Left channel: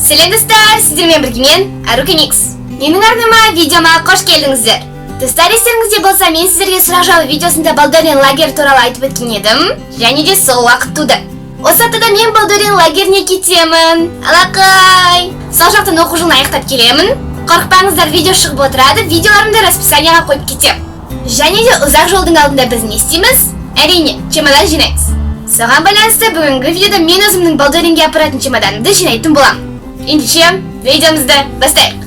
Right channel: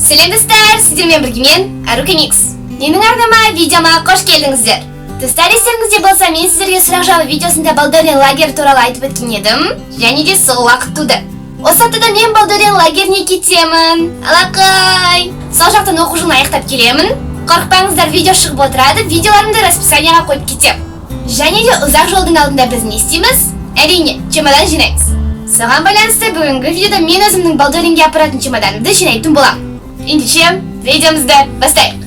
Сәлем достар, сіздермен бірге мен Арука Микс. Менің арнама видеома қош келдіңіздер. Достар, естеріңізде болса, мен сіздерге сұрақ жауап видеосында Балдорин лагері туралы айтып өткен едім, және де сол уақыт туды. Осы аптада мен Балдорин лагеріне кетемін. Алақай! Сол жақтан оқу жылын аяқтап келемін. Қорықпаңыздар, видео шығып отырады, видеоларымды расписанияға қойып кетем. Және де ұзақ жолдың алдында біз не істейміз? Әрине, чемодан жинаймыз. Соған байланысты бүгінгі видеода мен өзімнің Балдоринге апаратын чемоданымды жинайтын боламын. Ендеше, видеомызды бастайық.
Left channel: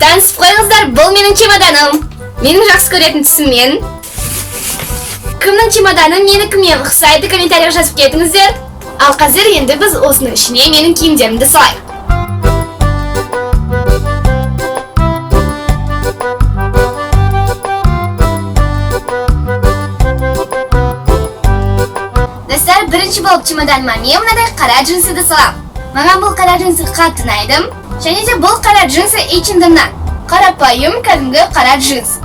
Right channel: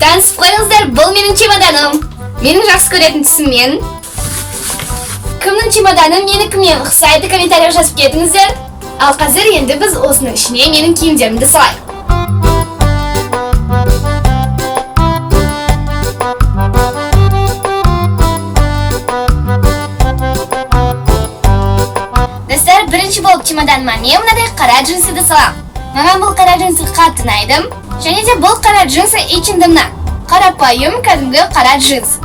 Танысып қойыңыздар, бұл менің чемоданым. Менің жақсы көретін түсіммен. Кімнің чемоданы менікімен ұқсайды, комментария жазып кетіңіздер. Ал қазір енді біз осының ішіне менің киімдерімді салайық. Болып чемоданыма мен мынадай қара джинсыды салам. Маған бұл қара джинсы қатты ұнайды. Және де бұл қара джинсы H&M'нан. Қарапайым кәдімгі қара джинс.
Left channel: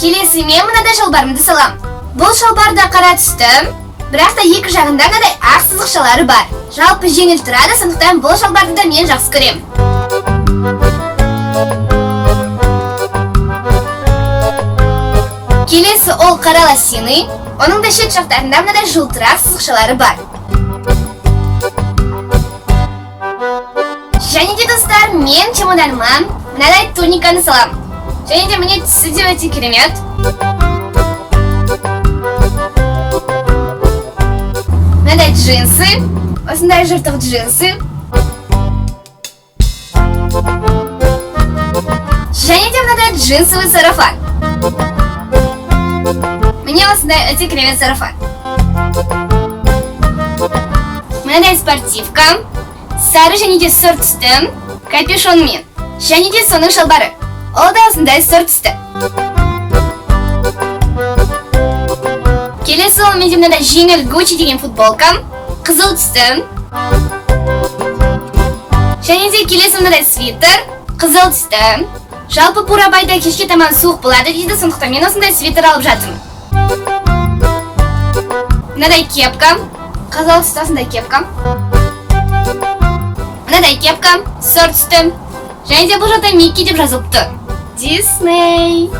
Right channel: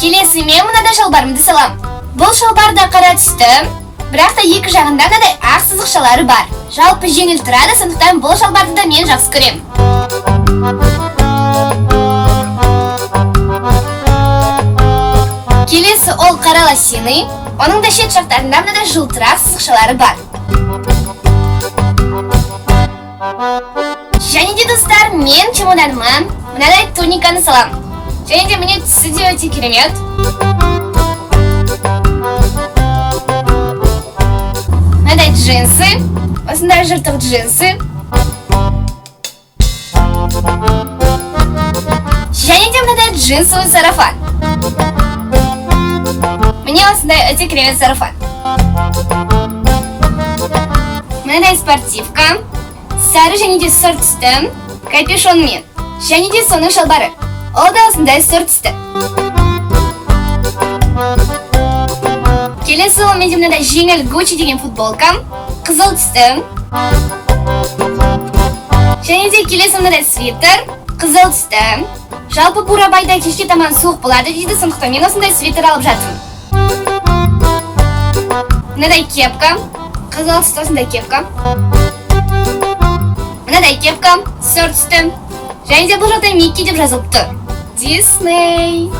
Келесі мен мынадай шалбарымды салам. Бұл шалбар да қара түсті, бірақ та екі жағында мынадай ақ сызықшалары бар. Жалпы жеңіл тұрады, сондықтан бұл шалбарды да мен жақсы көремін. Келесі ол қара лосины, оның да шет жақтарында мынадай жылтырақ сызықшалары бар. Және де достар, мен чемоданыма мынадай туниканы салам. Және де міне түсі де өте керемет. Мынадай джинсы, осындай жыртық джинсы. Және де мынадай джинсовый сарафан. Мне осындай өте керемет сарафан. Мынадай спортивка, сары және де сұр түсті, капюшонмен. Және де соның шалбары. Ол да осындай сұр түсті. Келесі ол менде мынадай жеңіл Gucci деген футболкам, қызыл түсті. Және де келесі мынадай свитер, қызыл түсті. Жалпы Бурабайда кешке таман суық болады дейді, сондықтан мен осындай свитер алып жатырмын. Мынадай кепка, қызыл түсті осындай кепка. Мынадай кепка, сұр түсті. Және де бұл жақта Микки деп жазылыпты. Дисней.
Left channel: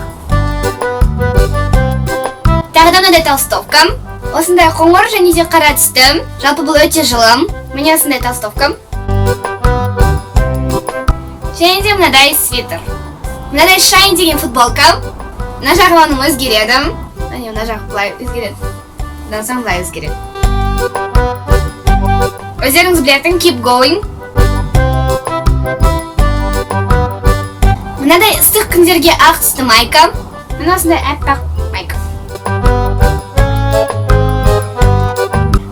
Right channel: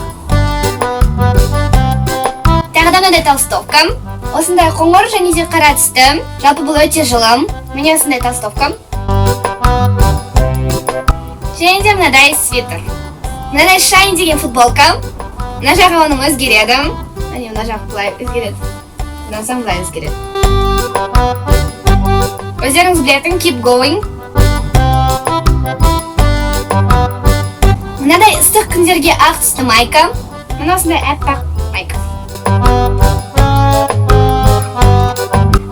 Тағы да мынадай толстовка. Осындай қоңыр және де қара түсті. Жалпы бұл өте жылы. Міне осындай толстовка. Және де мынадай свитер. Мынадай Shine деген футболка. Мына жағы оның өзгереді. Мына жағы былай өзгереді. Мына соң былай өзгереді. Өздеріңіз білетін Keep Going. Мынадай ыстық күндерге ақ түсті майка. Мына осындай әппақ майка.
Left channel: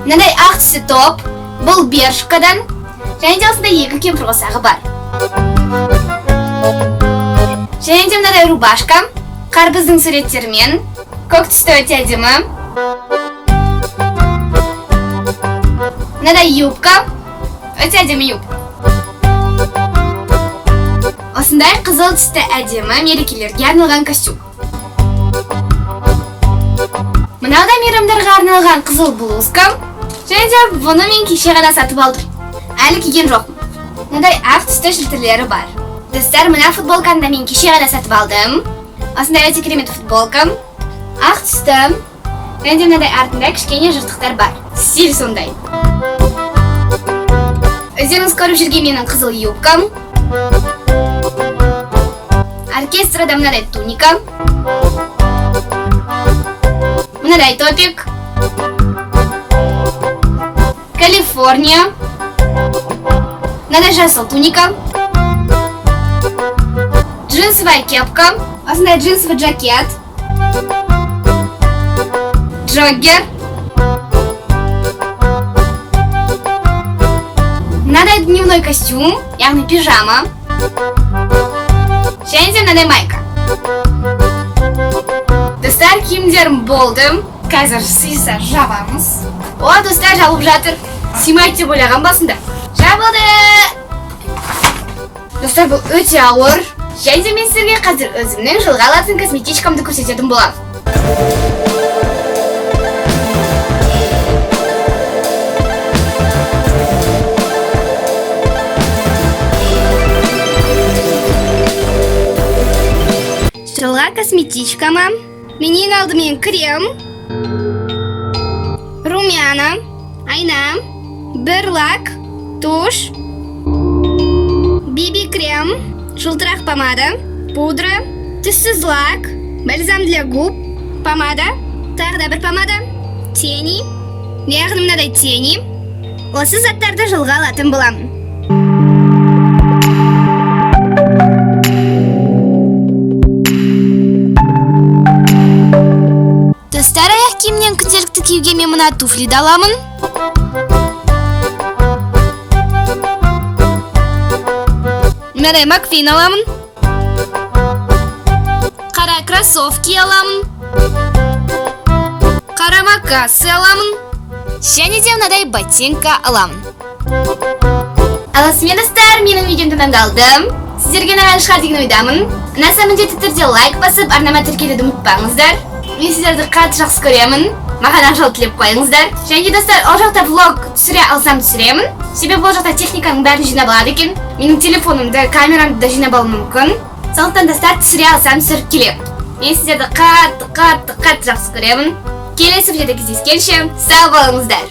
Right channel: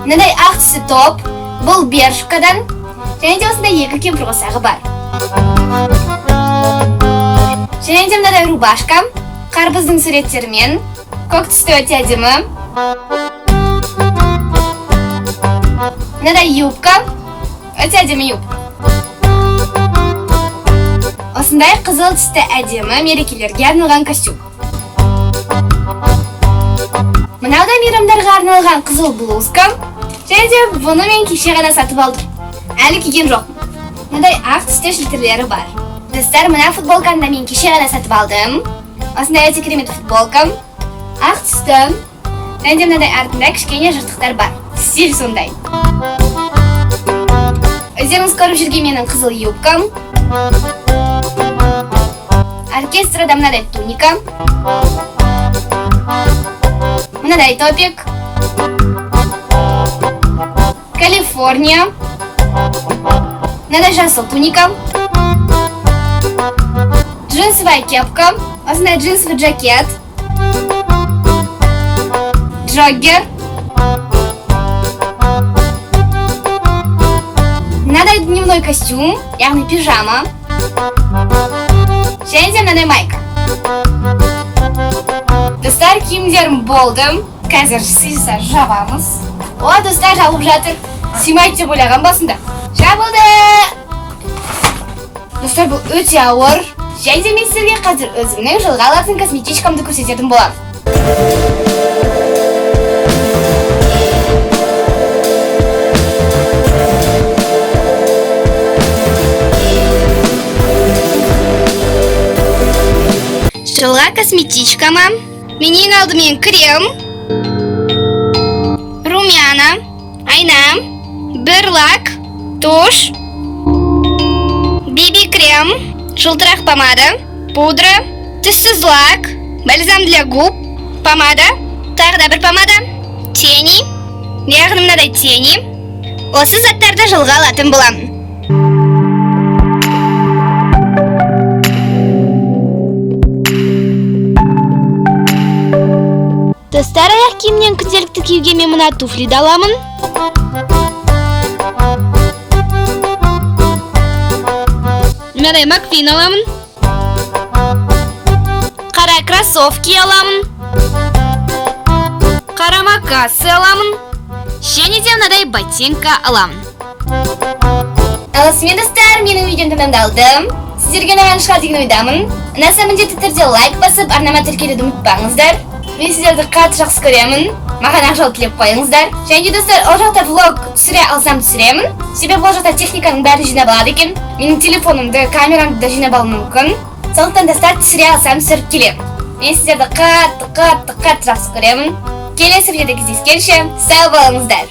Мынадай ақ түсті топ. Бұл бершкадан. Және де осындай екі кемпір қосағы бар. Және де мынадай рубашка, қарбыздың суреттерімен, көк түсті өте әдемі. Мынадай юбка, өте әдемі юбка. Осындай қызыл түсті әдемі мерекелерге арналған костюм. Мынау да мейрамдарға арналған қызыл блузка. Және де бұны мен кеше ғана сатып алдым. Әлі киген жоқпын. Мынадай ақ түсті шілтерлері бар. Достар, мына футболканы да мен кеше ғана сатып алдым. Осындай өте керемет футболка. Ақ түсті. Және де мынадай артында кішкене жыртықтар бар. Стиль сондай. Өздеріңіз көріп жүрген менің қызыл юбкам. Оркестрада мынадай туника. Мынадай топик. Калифорния. Мынадай жасыл туника. Джинсовая кепка, осындай джинсовый жакет, джоггер, мынадай дневной костюм, яғни пижама, және де мынадай майка. Достар, киімдерім болды, қазір сыйса жабамыз. О, достар, жабылып жатыр. Сыймайды деп ойлаған басында. Жабылды! Достар, бұл өте ауыр. Және де мен сіздерге қазір өзімнің жылға алатын косметичкамды көрсететін болам. Жылға косметичкама мен ең алдымен крем, румяна, айна, бір лак, туш, BB крем, жылтырақ помада, пудра, түссіз лак, бальзам для губ, помада, тағы да бір помада, тени, яғни мынадай тени. Осы заттарды жылға алатын болам. Достар, аяқ киімнен күнделікті киюге мен мына туфлиді аламын. Мынадай маквин аламын. Қара кроссовки аламын. Қара макасы аламын. Және де мынадай ботинка аламын. Алысымен достар, менің видеом тәмамдалды. Сіздерге ұнаған шығар деген ойдамын. Ұнаса міндетті түрде лайк басып, арнама тіркелуді ұмытпаңыздар. Мен сіздерді қатты жақсы көремін. Маған ақша тілеп қойыңыздар. Және достар, ол жақта влог түсіре алсам түсіремін. Себебі ол жақта техниканың бәрін жинап алады екен. Менің телефонымды, камерамды да жинап алуым мүмкін. Сондықтан достар, түсіре алсам түсіріп келемін. Мен сіздерді қатты жақсы көремін. Келесі видеода кездескенше сау болыңыздар.